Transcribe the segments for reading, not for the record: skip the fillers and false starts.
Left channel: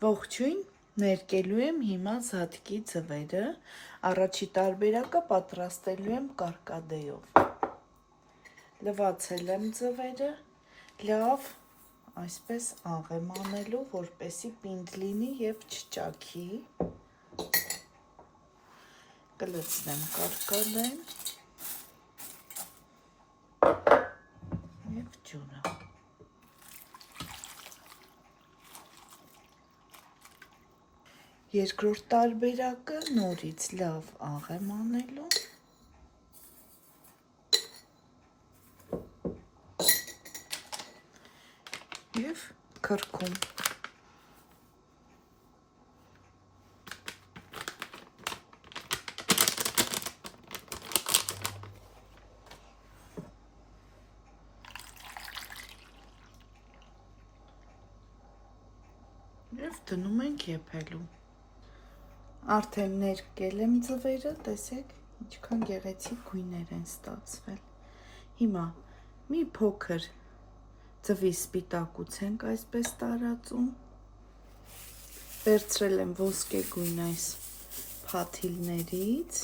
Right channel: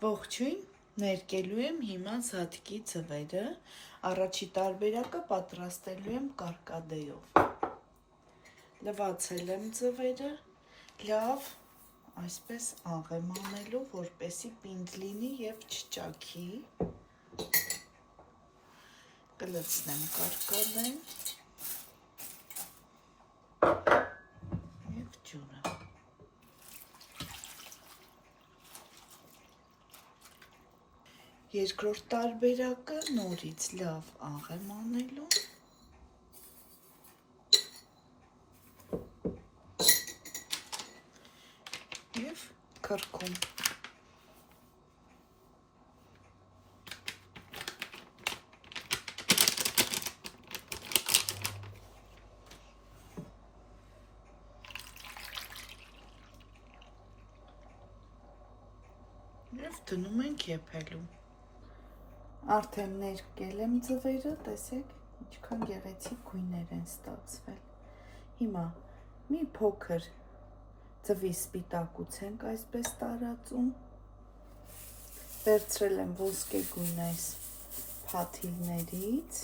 Ողջույն, ներկելու եմ հիմա զատկի ձվերը, առաջի տարբերակը պատրաստելու եմ կարկադեով։ Լվացել եմ ձվերը, լավ այսպես աղ եմ անելու, որպեսզի պինդ լինի և չճաքի։ Կլցնեմ կարկադեն և ջուրը։ Երկրորդ տարբերակը նորից լավ աղ եմ անելու և քրքում։ Եվ դնում ենք եփելու։ Արդեն ներկել եմ ձվերը, տեսեք ինչքան գեղեցիկ գույներ են ստացվել։ Հիմա մի փոքր ձվի սպիտակուց ենք այսպես տարածում, վերցրել եմ ոսկեգույն այս փաթիլներից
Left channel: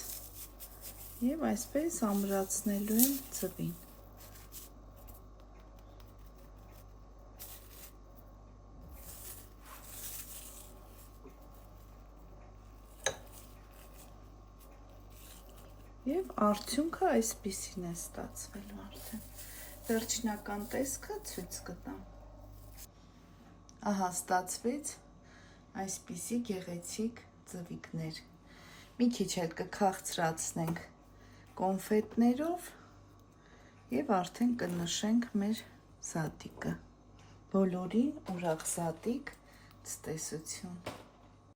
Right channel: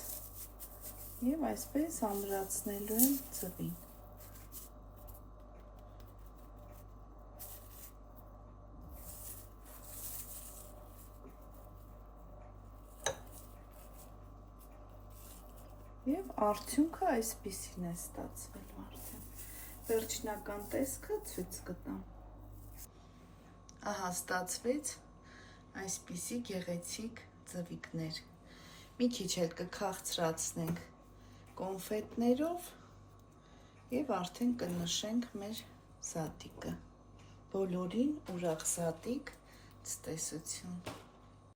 և այսպես ամրացնելու եմ ձվին։ Եվ արդյունքը այսպիսին է ստացվելու արդեն։ Վերջնական տեսքը ցույց կտամ։ Ահա ստացվեց այսպիսի գեղեցիկ ձվիկներ։ Մի քիչ էլ կքաղցրացնենք կոնֆետներով և արդեն կնշենք մեր զատիկը։ Բոլորին ուրախ զատիկ, ցտեսություն։